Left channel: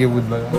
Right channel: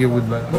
हे भूत बघा.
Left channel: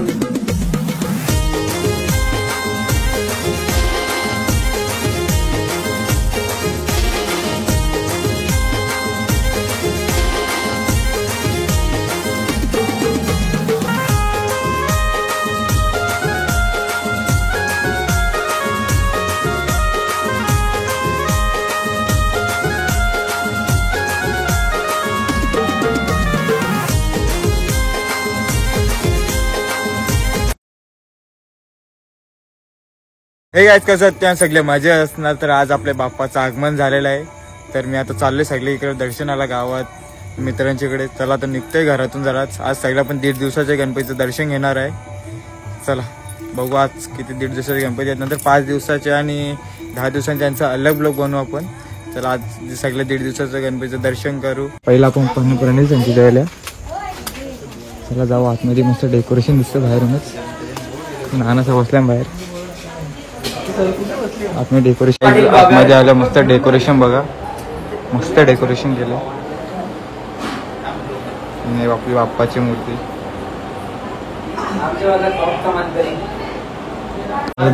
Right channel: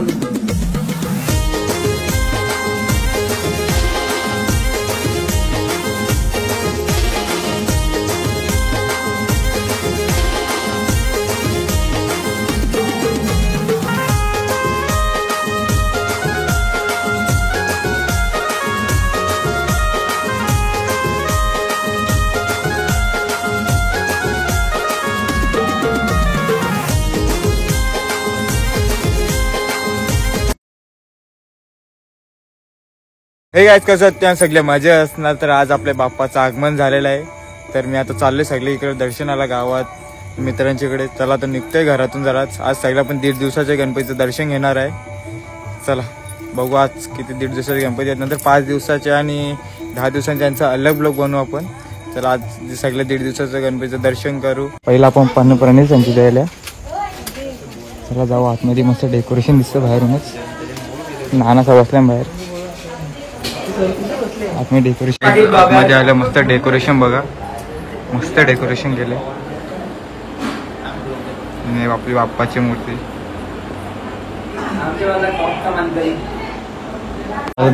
हे गाईज कसं त्या सगळे मजा असणार. तर आज आपल्या बाप्पाचं आगमन झालेलं आहे. तर मी आता चाललोय सगळे इकडे दर्शनाला गावात मित्रांच्याकडे. चला तर निघतोय घरातून जरा. आज सगळ्या पण 1.5 दिवसाच्या गणपतीचं दर्शन घेणार आहे. चला बघू आज किती 1.5 दिवसाचे गणपती आहेत. नंतर 5 दिवसाचे आणि 10 दिवसांचे यांचा अलग ब्लॉग बनवू आपण. चला आज सगळं 1.5 दिवसाचं गणपतीचं दर्शन करू. पहिला आपण पाणीपुराणीच त्यांची द्यायला. चला जाऊ आतमध्ये. मस्त डेकोरेशन दिसतं बाहेरूनच. नानाचा बसल्या बाहेर आतमध्ये डेकोरेशन. आतमध्ये आलं मस्त डेकोरेशन बघा. मस्त डेकोरेशन केले. आपली बाप्पाची मूर्ती.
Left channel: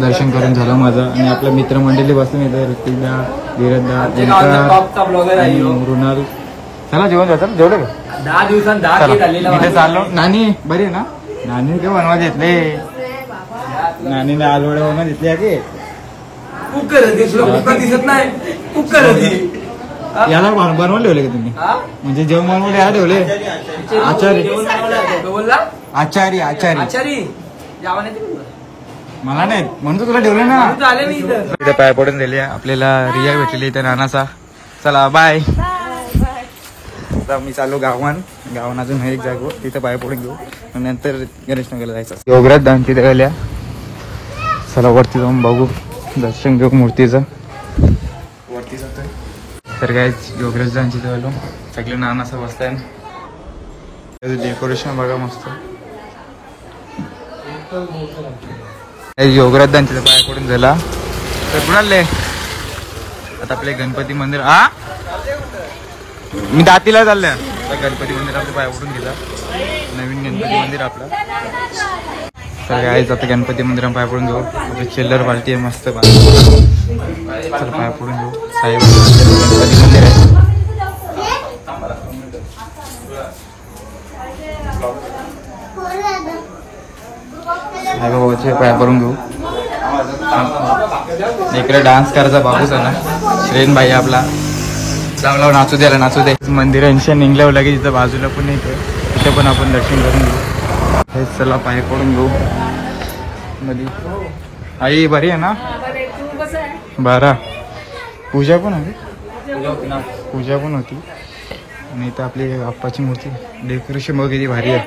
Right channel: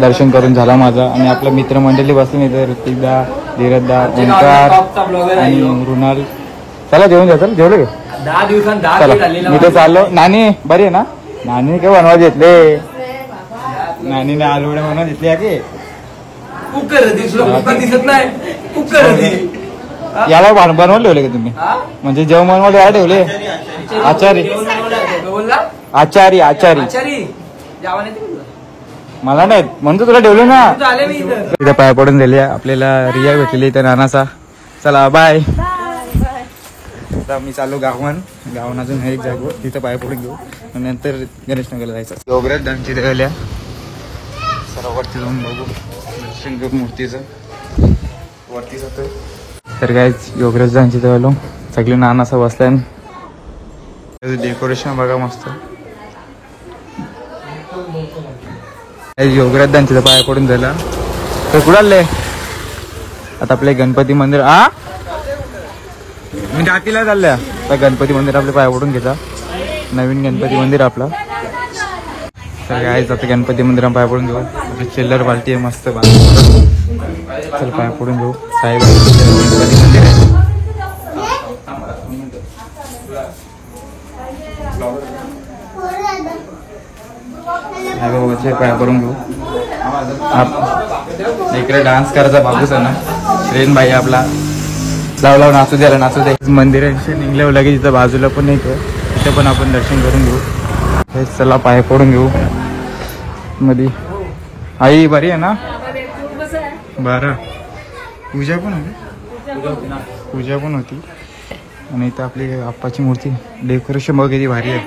दर्शन करून झाला माझा. आणि आपलं मित्रमंडळी बसून इथे ऋतिकदा, धीरजदा, ओंकार आणि मृणाल. त्याला जेवण जातं. जेवले 10 दिवसांत 10 झालेलं चाललंय. नानी बरी आहे ना. नानी काय बनवायला घेतले. नानीने आलवड्या बनवायला घेतली आहे. कुकर दिसत नाही. कुकर याला बनवून ठेवले का तुम्ही. म्हणजे जेवण बनवलं काय ठेवले. आचारी आचारी आचारी मला नाही म्हणतो तुला ठेवलं ना. पाय पडून दिले. आपल्याला रिया भेटलेली त्या नानाचा. चला बाय. आता मी चालू गावन अजून एक जागो तिथं पाय पडून घेऊ. नंतर गणेशनगरला जायचं. योगराज दानची गल्या. चला वरती जाऊन बघू. दर्शन घेऊ मूर्तीचं. वरती जातोय. तर काय योगराज दानची आलो. सगळे नानासा बसल्या. डेकोरेशन बघा मस्त. योगराज दानची पाय पडून झाला. तर कुणाले आता आपले गणपती मंदिर. मी दातीला चालल्या. गणपती मंदिर आपल्या पाया पडून घेतला. नवीन गणपती मंदिर आपला. तर काय आता गणपती मंदिरात पाया पडून घेऊ. चिल्लर पार्टी आहे मस्त. चल पाया पडून घेऊ. साईबाबा गणपती मंदिर आहे. साईबाबाचे पाया पडून घेऊ. इकडे डान्स करायचा बाबूच आहे ना. श्रेन भाई आपला. लाव नाचू द्याला नाचू दे. मंदिरांच्या निघल्यावर लगेच तिथं बाजूला पण येतोय. तिथे पण आपण दर्शन करून घेऊ. हे चला पाय पडून घेऊ. मध्ये आई बरी आहे ना. बरा. पूजा पण होती. आणि इथं आपली बाप्पाची मूर्ती. डेकोरेशन बघ किती भारी आहे.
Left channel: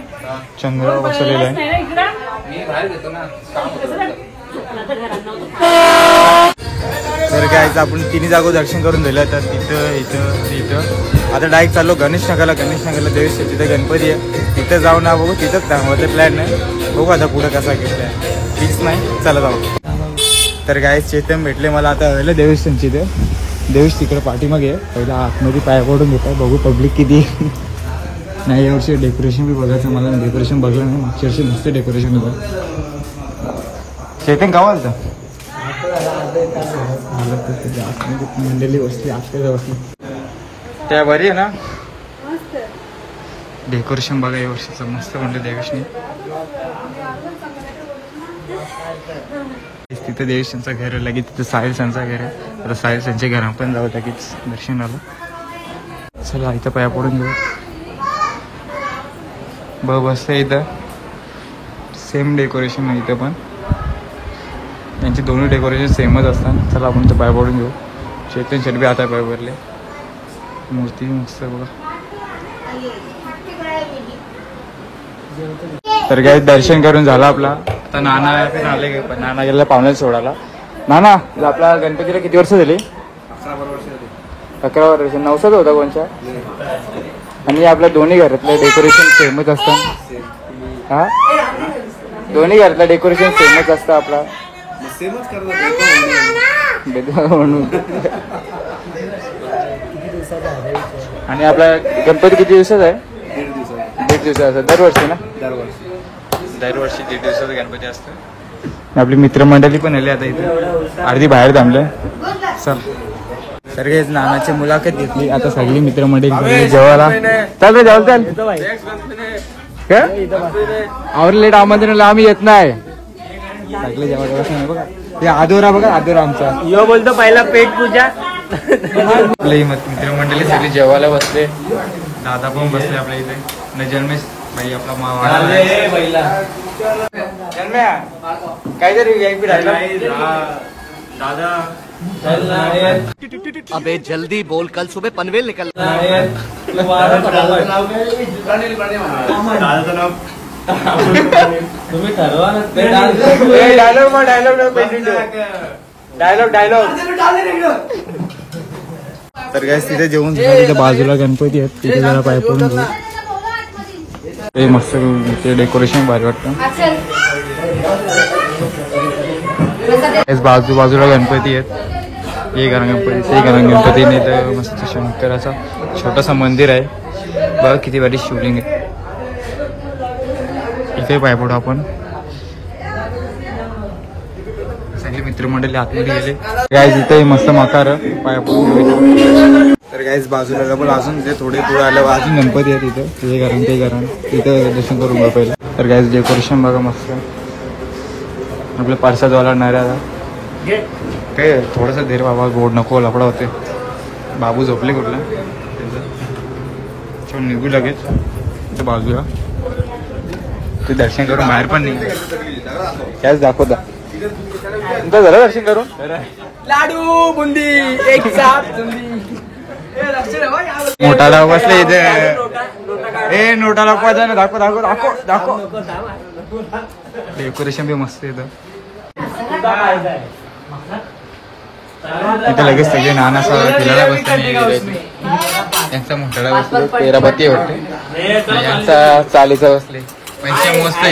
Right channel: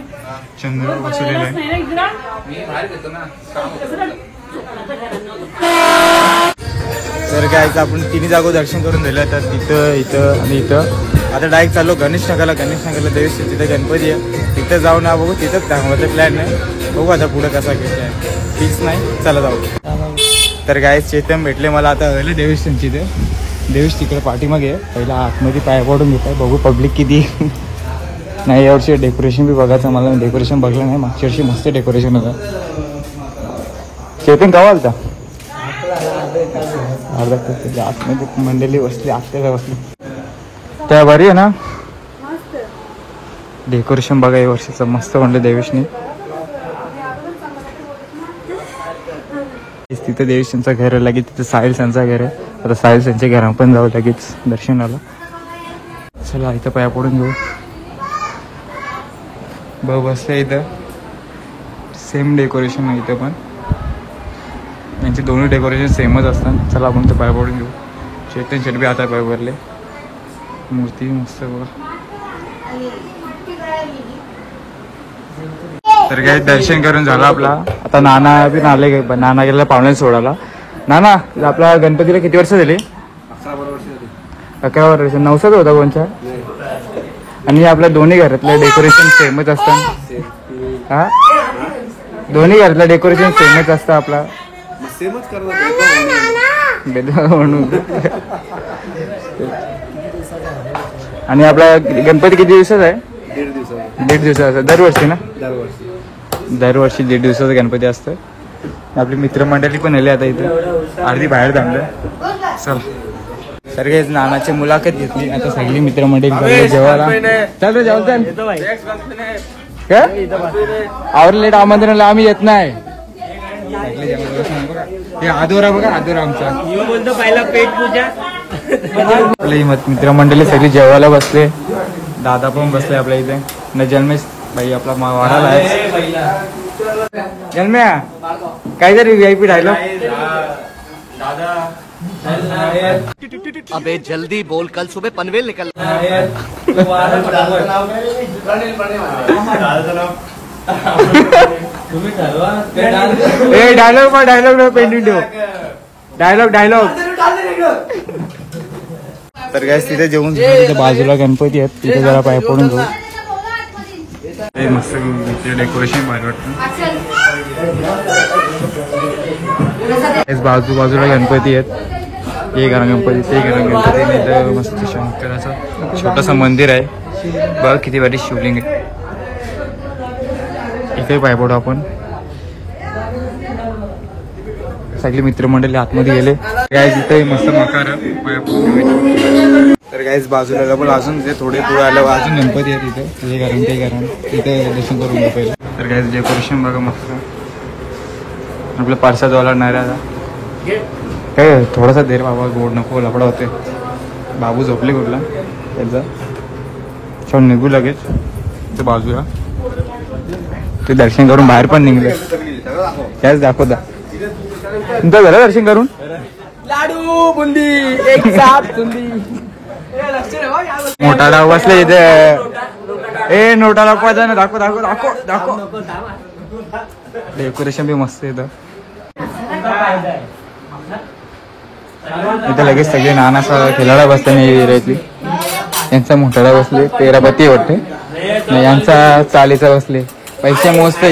चंद्र बसवलेलं आहे. तर काय आपण 3 जागो दर्शन करून दिलं. तर तिथं इथं आणि इथं. आता डायरेक्ट चाललो गणेशनगरला. देवीस तिथं गणपती आहे. तिथं जाऊ ना बघू. तिथंच दाखवायचं प्लॅन नाही. बघू आता पुढे कसा घेतलाय फिक्स नाही. चला जाऊ. तर काय चेतन भेटले मला. आता हळलं देवीस त्यांची. इथे देवीस तिकडे पाठीमागे. पहिला आतमध्ये पाय पडून घेत आहे. बघू पब्लिक किती नाही. यावर्षी डेकोरेशन बी बघायचं मला. डेकोरेशन बघलं नाही. मागच्या वर्षी मस्त डेकोरेशन होतं. चेतन काय आलता. आतमध्ये मंडळी बसली. आत्याला बसली. त्या बरी आहे ना. डेकोरेशन बघा या वर्षीचं मस्त म्हणलं देवेशनी. तिथं देवेशांचं घर आहे. लगेच तिथं साहिल यांचं घर आहे. आता साहिल यांच्या घरा पण जाऊ लगेच दर्शनाला. चला इथं पाया पडून घेऊ. बसलं इथं. सेम डेकोरेशन आहे इथं पण. यांचे दोन्ही डेकोरेशन सेमच असतात. चला आपण तर पाय पडून घेऊ. चेतन शेट बी आता पाय भरले. मूर्ती मस्त बघा. तर काय दर्शन करून झालं आपला. आता नाना बी आले. नाना गेला पाहुणे सोडायला. नाना आपल्या गणपतीला किती वर्ष झाली. 11 वर्ष झाली. 11 वर्ष. 9 होता कोणच्या. आणि आपल्या दोन्ही घरातलं डेकोरेशन सेमच असतं. हा दोन्ही घरातलं डेकोरेशन सेमच असतं आपला. सेमच करतात. आणि आपला गणपती किती दिवसाचा आहे. 1.5 दिवसाचा. 1.5 दिवसाचा. दरवर्षी ना. दरवर्षी दरवर्षी 1.5 दिवसाचा गणपती असतो. आपली मित्रमंडळी पण आली आता इथे, अर्धी बाहेर थांबले. चल तर काही नानाची मुलाखत घेतली. आता सगळी मित्रमंडळी जेवायला चल रे, जेवायला चल. आवर लेट आमंत्रण आम्ही येत नाही. सगळे जेवायला बघा, हे आदोरा बघा, आदोरा आमचा यो बोलतो पहिला पेट पूजा. आपली मित्रमंडळी सगळी जेवायला बसले. दादा पण बसले आपल्या इथे. न जन्मेश भाई आपला वाढायला आहे. जन्म्या काहीतरी VIP राहिला दादा. अबे जल्दी बोल, कल सुबह पनवेल निकल. तुम्ही ठरवा ना डायलॉग. तर काय तिथे जेवून तिथे बाजूला गणपती आहेत, तिथे जरा पाय पडून घेऊ. ते मस्त डेकोरेशन भारी वाटतं. बाजूला गणपती आहेत. हे करा गणपती, ते करा गणपती. नाही तर मस्त शंकराचा छोटासा मंदिर आहे बघा, किती भारी शिवलिंग आहे. इथे पाय पडू आपण. सगळी मित्रमंडळी आतमध्ये गेले. गाईज इथे मस्त मकार पाया पडून. तर गाईज बाजूला डबल अजून ते थोडे पुढे आल्यावर अजून गणपती आहेत इथे. हे कारण ते कारण तिथे दर्शन करून घ्या पहिलं. तर गाईज डेकोरेशन बघा मस्त. आपलं पार्सलवाला नाही राहता काय, थोडासा देर बाबा, गोड नको लफडा होते. बाबू झोपले कुठला त्यांचा. चल निघू लगेच. ते बाजूला ते दर्शन करून बाहेर पण निघले. कायच दाखवता तुमचं झालं दर्शन करून. लाडू बुंदी एक साथ बुंदी. मोठा डाव बसले इथे. ए नोटा दाखवायचा ना, दाखव दाखव दाखव दाखव. डेकोरेशन बी मस्त येतं इथं. लगेच सगळे नानासा खेळायला बसले. यांचा मोठाडा बसले, तेराबत्ती होते. यांचा चालीचा बसले. पैसे मोजत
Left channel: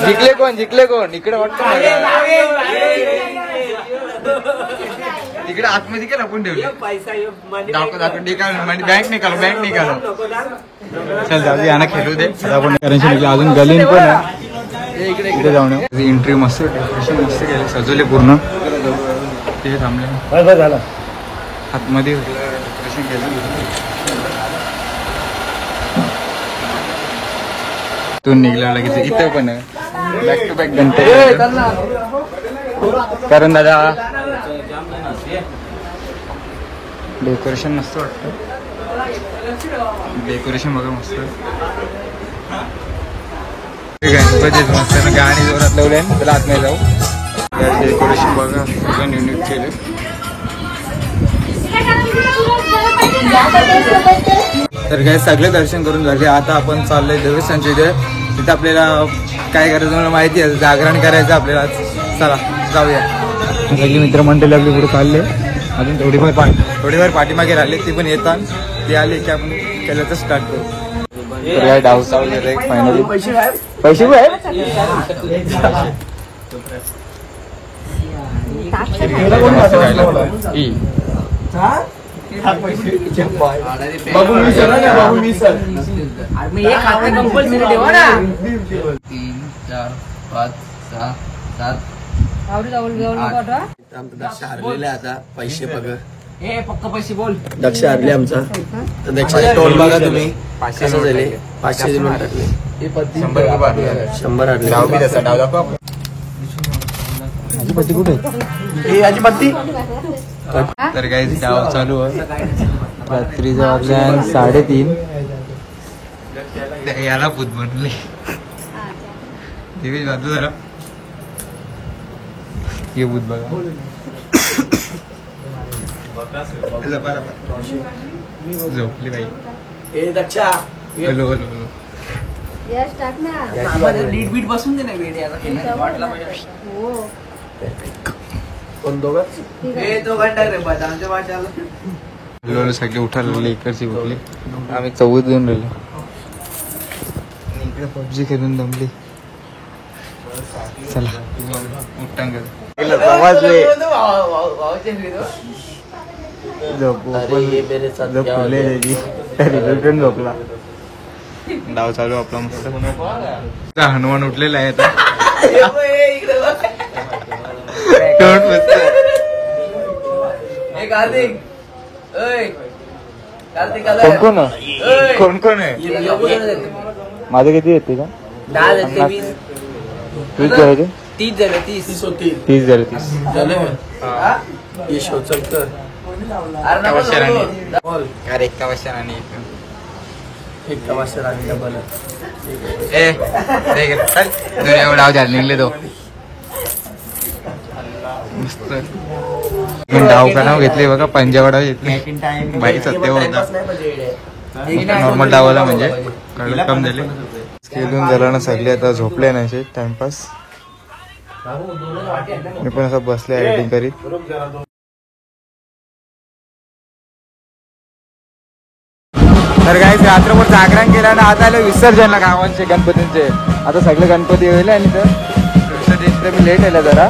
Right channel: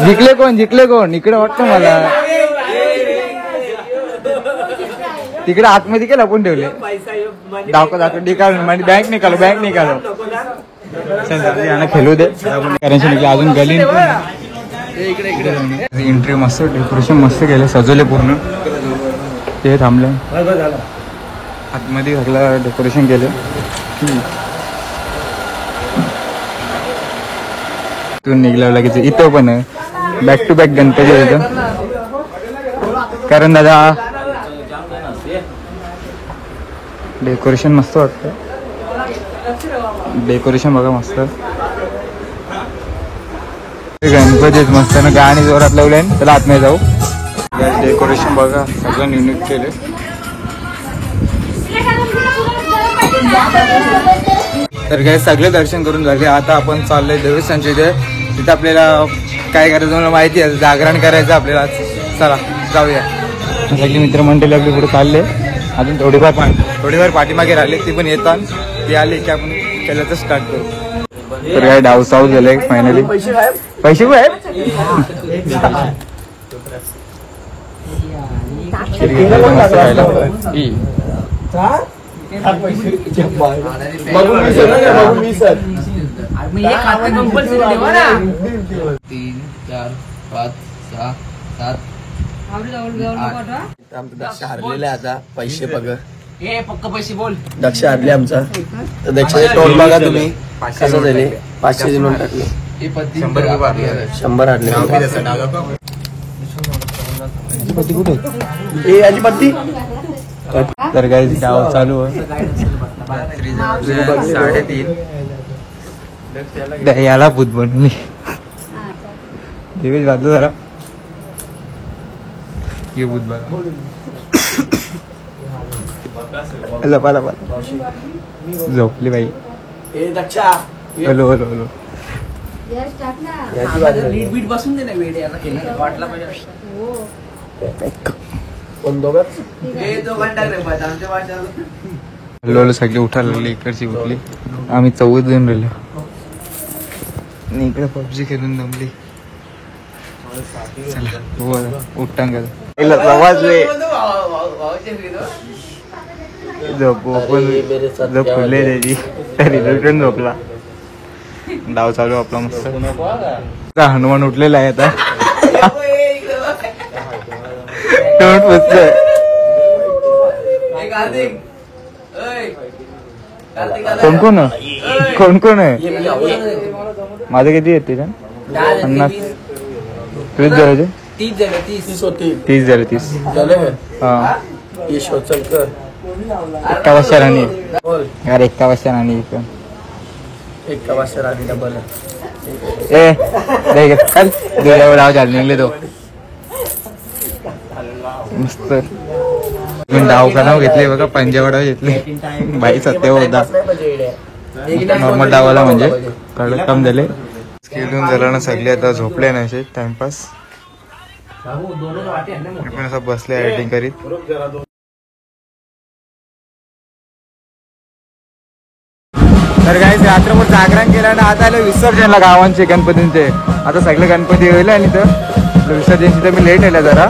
जिंकले कोण इकडे वाटतं मला. तिकडे आतमध्ये केलं आपण ठेवले. दाखव निकाल बँक निकालो. चल जाऊ यांना खेळू दे आपण. कारण अजून गलीन पण इकडे जाऊन एंट्री मस्त, डेकोरेशन मस्त केलं, सजवले पूर्ण. ते थांबले आतमध्ये घातला, डेकोरेशन केलं. तू निघला लगेच. इथं पण आहे बॅक टू बॅक गणपती. कारण दादा डेकोरेशन मस्त वाटतं. डेकोरेशन बघा मस्त. गणपतीच मस्त ना, गाणी जोरात लावले. त्याला आतमध्ये जाऊ. डेकोरेशन बघा सगळं युनिक केले. तर काय सगळे दर्शन करून झाले. आता आपण चाललोय देवस्थानच्या इथे. तिथे आपल्याला काय करायचं मला माहिती आहे, जागरण करायचं आपल्याला. चला जाऊया. सगळी मित्रमंडळी आपली पुढे चालले. अजून थोडीफार पाठीमागे राहिले, ती पण येतात. ती आली की आपण केलं तर स्टार्ट करू. काय डाव साऊथ झालं फायनली. पैसे मस्त खायला. कंपल्सरी ठेवा ना. 3, 4, 5, 6, 7. दक्ष हारलेला आहे आता. पैसे बघा, फक्त पैसे बोल. दक्ष हारले आमचा. दक्ष टोल बघा तुम्ही. 500 दिले, 500 दिले टाकले. 100 हारले. कुठे अजिपत्ती. तर काही डाव चालू आहे. रात्रीच्या वाजल्या 3:30. याला भूत बनवून देवेश बाजू जरा. ये भूत बघा. लपा झोपली बाई. हॅलो नीट बीट बसून दे ना. वेळ याला वाटला पाहिजे. कोण दोघं हॅलो सगळे उठायला लागले. इकडची उठली. आम्ही 14 जण राहिले. इकडे पबजी खेळून दमली. चला उठतांग झोपले त्याची तरी रिटर्न झोपला. डाव चालू आपला मस्त. हनुमान उठलेला आहे आता. तोंड बसलं. कोण कोण आहे? माझं किती येते का? 30 झाले. 30 झाले 30 होती 30 झाले 30 झाले. हा. यश चलकर एका वाजता राणी. बोल. यार एका वाजता राणी इथं. एक वाजता राणी डबल ए चल एवढं डाव झाले निघले तो मस्त. डाव का नाव घेतले बघा. पंजाब डाव घेतले. बाई सत्य होता नॉर्मल डावाला म्हणजे कळलं कम झाले. खेळून झाला ना सगळे आता झोपले ना असे टाइमपास. मी पण असं बसले एडिटिंग करीत. तर काय रात्रभर जागरण केलं ना आता आलं विसर्जनला गावांचे गणपतींचे. आता सगळे गणपती होईल आणि तर विसर्जनचं मी लेट आलं जरा.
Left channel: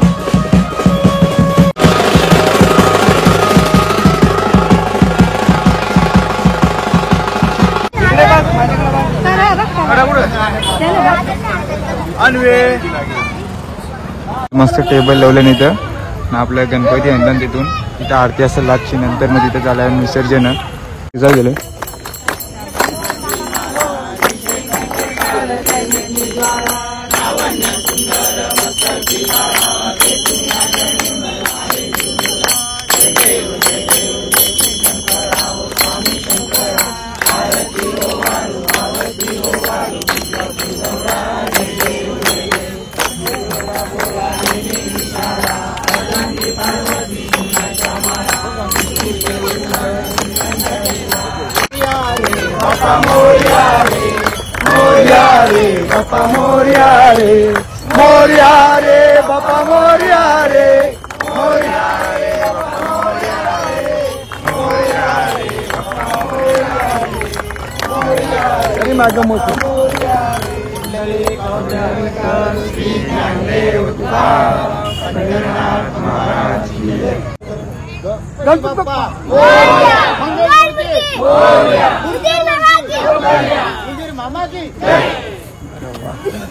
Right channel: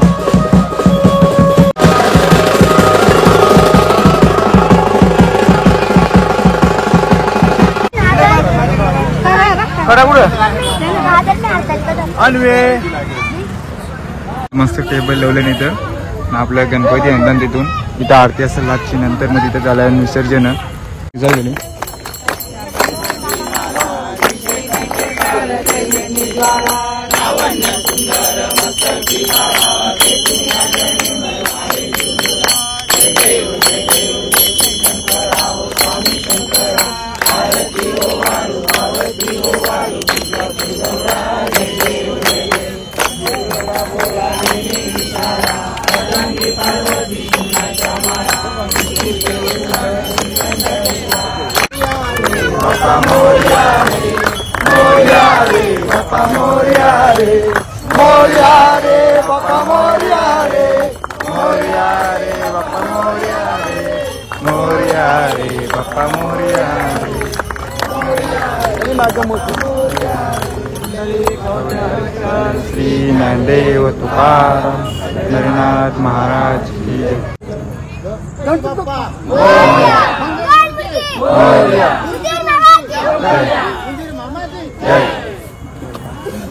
मस्त टेबल लावले इथं आपल्या गणपती आणतात तिथून. इथं आरती असेल लागची नंतर मग तिथं झालं विसर्जन जाऊ गेले. जगन्नाथ महाराज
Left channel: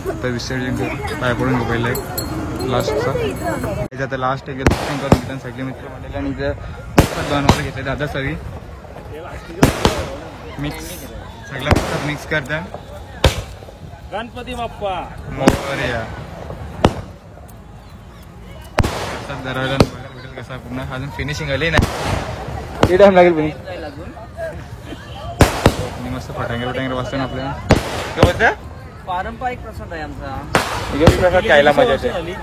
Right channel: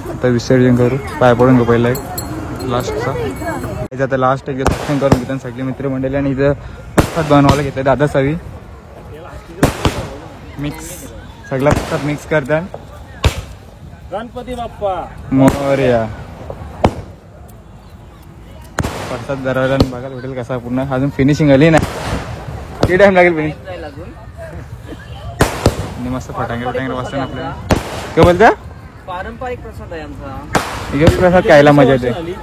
आता विसर्जन करू. पाय पडून घेऊ पहिला एक लास्टचा. आता लास्ट एक दर्शन करून घेतात सगळे मित्रमंडळी. आणि इथं बनवायला घेतलं दादा सवी मिक्स सगळा मिक्स करतात. गणपती बाप्पा मोरया. प्रसाद दरवाजा बघायला भेटेल कसा पूर्ण. अजून फिनिशिंग आली नाही. किती टाइम लागेल फिनिशिंग अजून. मस्त फटांगे वाजतात आपल्याला. काय बोलता? पारंपरिक प्रसाद आहे आमचा. प्रसाद खायला मजा येते.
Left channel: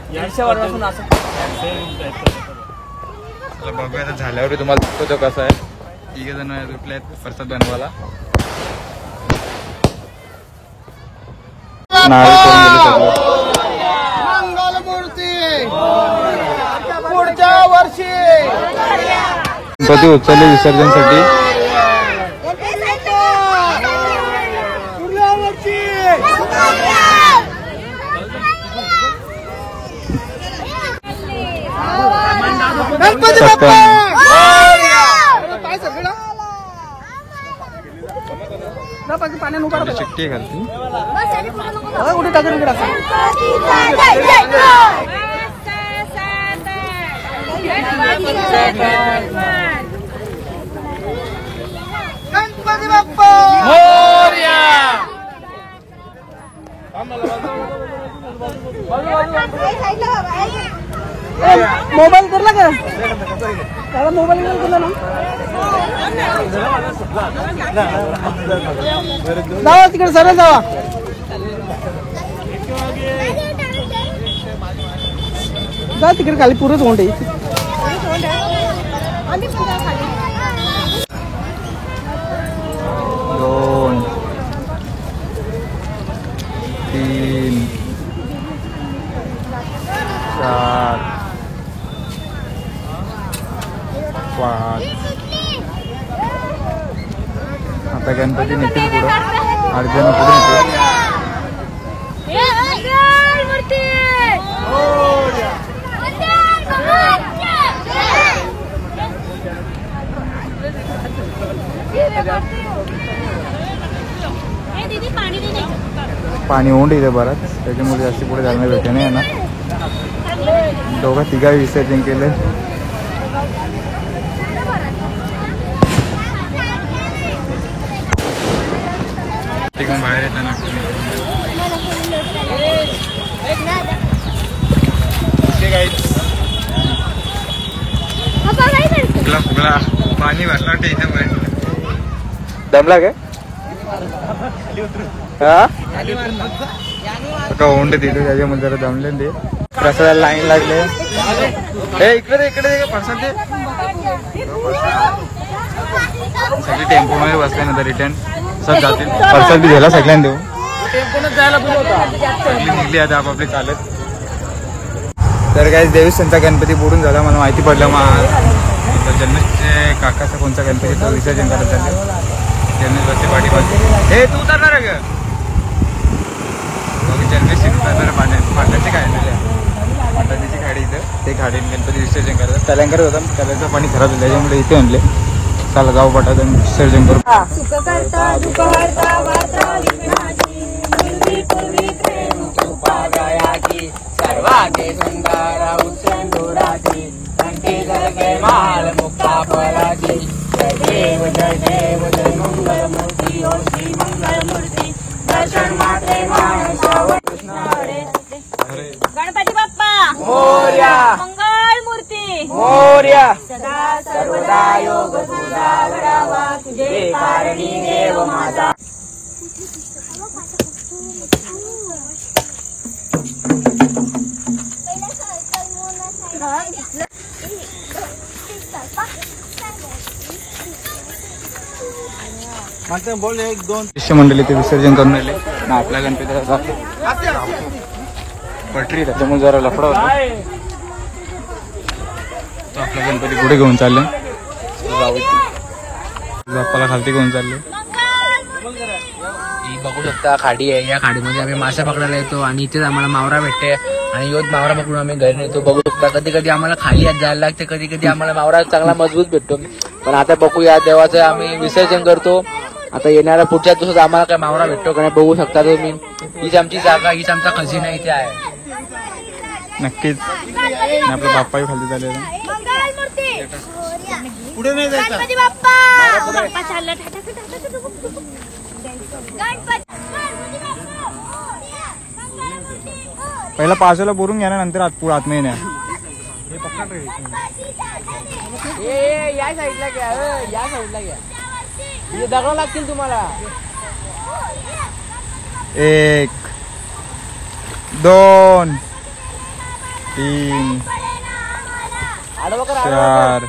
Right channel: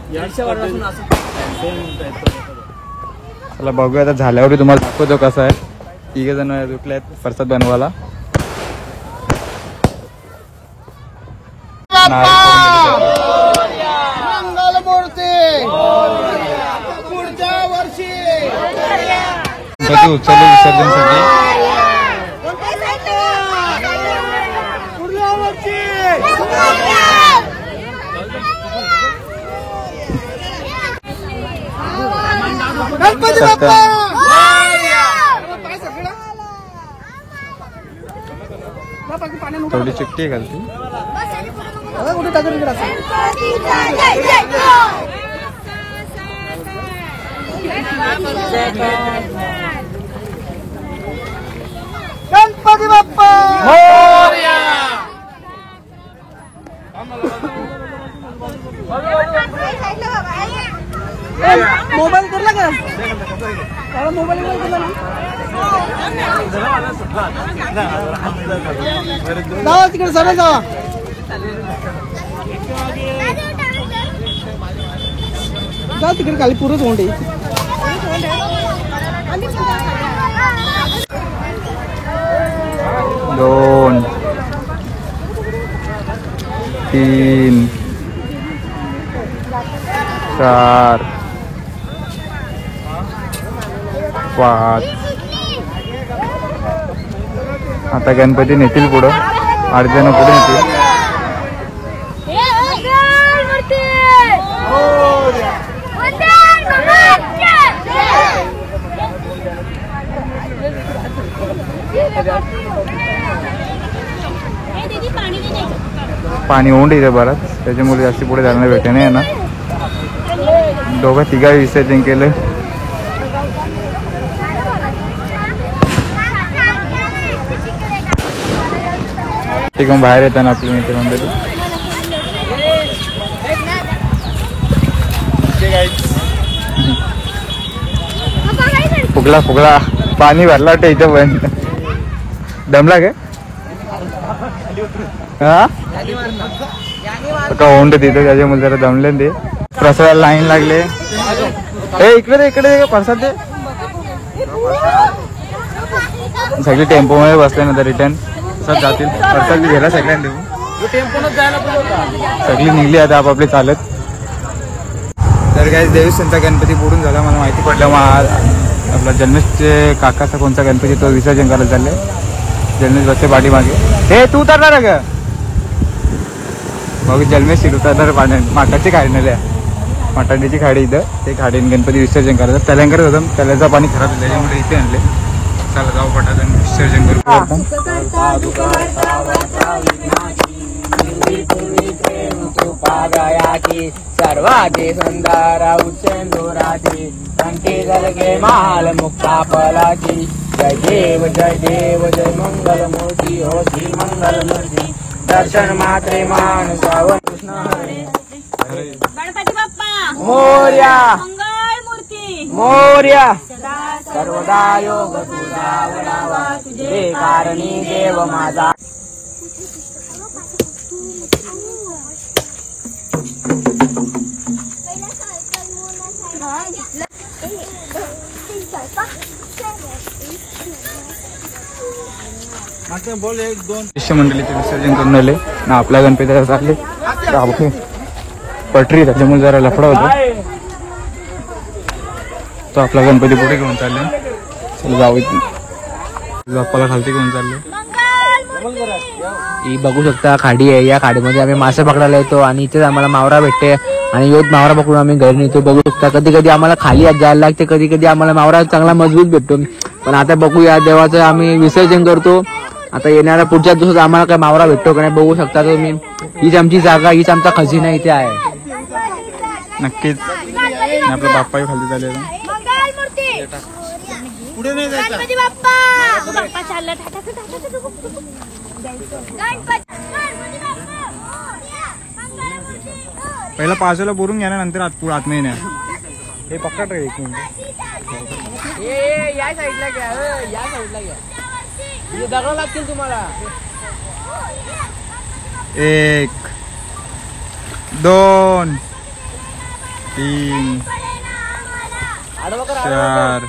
चला बघूया आता झाल्यावर तुम्हाला दाखवतो कसा आहे. 3 जण आहेत प्रसाद बनवायला. पुढच्या वर्षी गणपती उचलले विसर्जनसाठी. गणपती बाप्पा थोडी चिकटी घालती. कुठे टाकून इकडे गणपती बाप्पा मोबाईल करला का? मोबाईल नाही केला ना. जावा तिकडे सर जावा. जा तिकडे खाली पुरं तोंड आहे. 2 3 4 5. आता गणपती नेतील पुढं. 8 जण पुढे नेतील. दीदी पानी पाणी ओंड इथे बराच, त्याच्यामुळे जास्त पुढे जायला भेटे नाही ना. दोघं तिघा विसर्जन केलं. तिकडून बाहेर येताना आपल्या मित्र मंडळी. फुगला फुगला पाणी भरला वाटतं इथं पण. दमला का ओंड तिथं, त्याच्यामुळे जरा दमले ते. प्रसादाला लाईन लागले. इकडे इकडे प्रसाद दे. सगळे टेम्पो मध्ये बसल्यानंतर रिटर्न प्रसाद जातील. प्रसाद बी घ्यायला सगळ्यांना देऊ. सगळी निघली आता आपापले चालत. तर काय देवस्थानचा गणपती बुडून झाला, मला माहिती पडलं. मग आपला जन्मेशचे काकाचा कोणता गणपती तो विसर्जन करत झाले. जन्मेश बसते पाठीमागे. हे तू उतरणार का बाबू? जन्मेश उतरणार पाण्यात. माठाची खाडी आहे, माठाची खाडी इथं. ते खाडीने गणपती विसर्जन करतात. त्याला होतं, त्याला पाणी खराब झालं, त्याच्यामुळे इथे आणले. त्याला गाव पटात विसर्जन करू. सर्वाचे सुंदर उच्चंदुराची जय माल मुक्ता पराची. जय देव जय देव जय मंगल मूर्ती हो श्री मंगल मूर्ती. दर्शन मात्रे गणपती बाप्पा मोरया, मंगल मूर्ती मोरया. सदा सर्वदा योग तुझा वरावा, तुझे कारणी देव माझा. बोल एक दोन शिष्यमंडळीचे विसर्जन करून आले. आपल्या गणपतीला चालले पटरी त्याच्यामुळे जरा लफडा होता. तो आपला गणपती पुढे घेऊन चालले. बाप्पाला खालती घेऊन चालले. ही बघू शकता खाडी आहे. या खाडीमध्ये आम्ही मासे पकडायला येतो आणि इथेच आम्हाला मावरा भेटते आणि योज मावरा पकडून आम्ही घरी इथे बघू शकता. कधी कधी आम्हाला खाली जायला लागते, कधी कधी आम्हाला मावरा चांगला मजबूत भेटतो. पण आता बघूया देवाचं आम्ही विसर्जन करतो. आता येणाऱ्या पुढच्या दिवसात आम्हाला काय मावरा भेटतो का नाही बघू शकता तुम्ही. हीच आमची जागा, हीच आमचा खजिना इथे आहे. नक्कीच. आपला बाप्पाही खालती चाललेला. पुढे नाही जायचं. गणपती बाप्पा बाप्पा चालला. पहिला पावसाला बोरून घ्या ना, नंतर आतमध्ये नाही. हे पकड रे. लागतील तुम्हाला. 1 2 3 4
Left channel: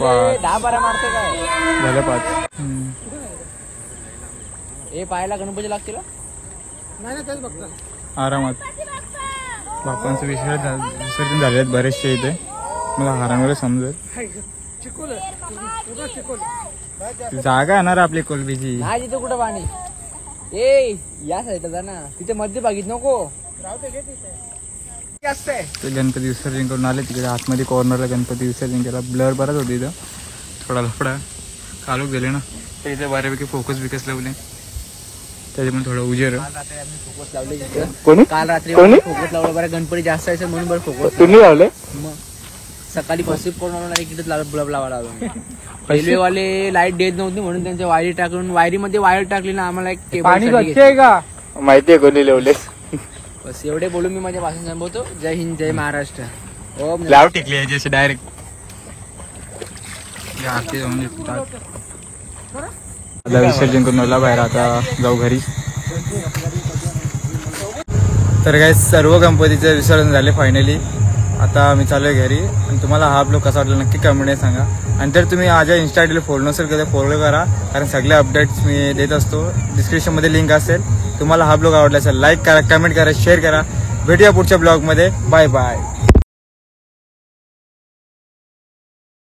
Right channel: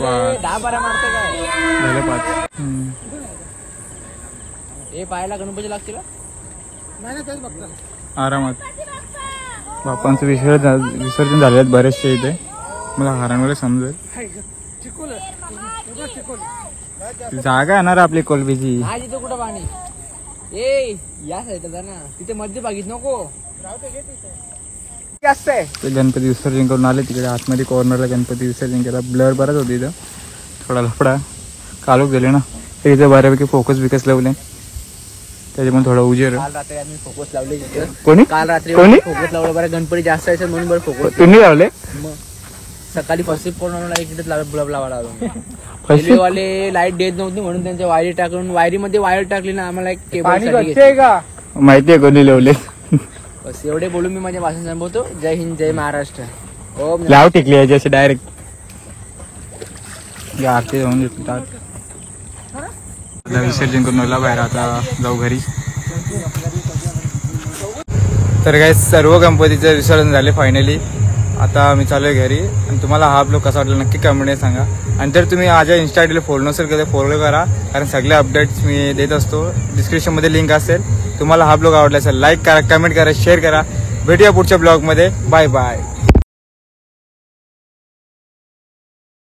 5 झाले 5. हे पाहायला गणपती लागतील नाही ना, तेच बघता आरामात. बाप्पांचं विसर्जन झाले आहेत बरेचसे इथे. मला हारांवर समजेल. जागा येणार आपली कोलबीची. आज इथं कुठं पाणी. ए या साईडला जा ना, तिथे मध्ये बागीत नको. ते गणपती विसर्जन करून आले तिकडे आतमध्ये कॉर्नरला गणपती विसर्जन केला. ब्लर बराच होती इथं, थोडा लफडा. कालूक गेले ना इथे बऱ्यापैकी फोकस बिकस लावले, त्याच्यामुळे थोडा उजेर. फोकस लावले काल रात्री फोकस लावलं. बरं गणपती जास्त आहे म्हणून बरं फोकस लावले. मग सकाळी पसिप करून इकडेच बल्ब लावा लागला. रेल्वेवाले लाईट देत नव्हते म्हणून त्यांच्या वायरी टाकून, वायरीमध्ये वायर टाकली ना आम्हाला एक केबल साठी माहितीये कोणी लावले. बस एवढे बोलून मी माझ्या भाषण संपवतो. जय हिंद जय महाराष्ट्र. ओम नाव टिकले याची अशी डायरेक्ट आरती होऊन येतात. आता विसर्जन करून आला बाहेर. आता जाऊ घरी. तर काही सर्व गणपतीचे विसर्जन झाले फायनली. आता मी चालू आहे घरी. आणि तुम्हाला हा ब्लॉग कसा वाटला नक्की कमेंटमध्ये सांगा. आणि जर तुम्ही माझ्या इन्स्टा आयडीला फॉलो नसेल तर फॉलो करा, कारण सगळे अपडेट्स मी देत असतो. डिस्क्रिप्शनमध्ये लिंक असेल. तुम्हाला हा ब्लॉग आवडला असेल लाईक करा, कमेंट करा, शेअर करा. भेटूया पुढच्या ब्लॉगमध्ये. Bye bye.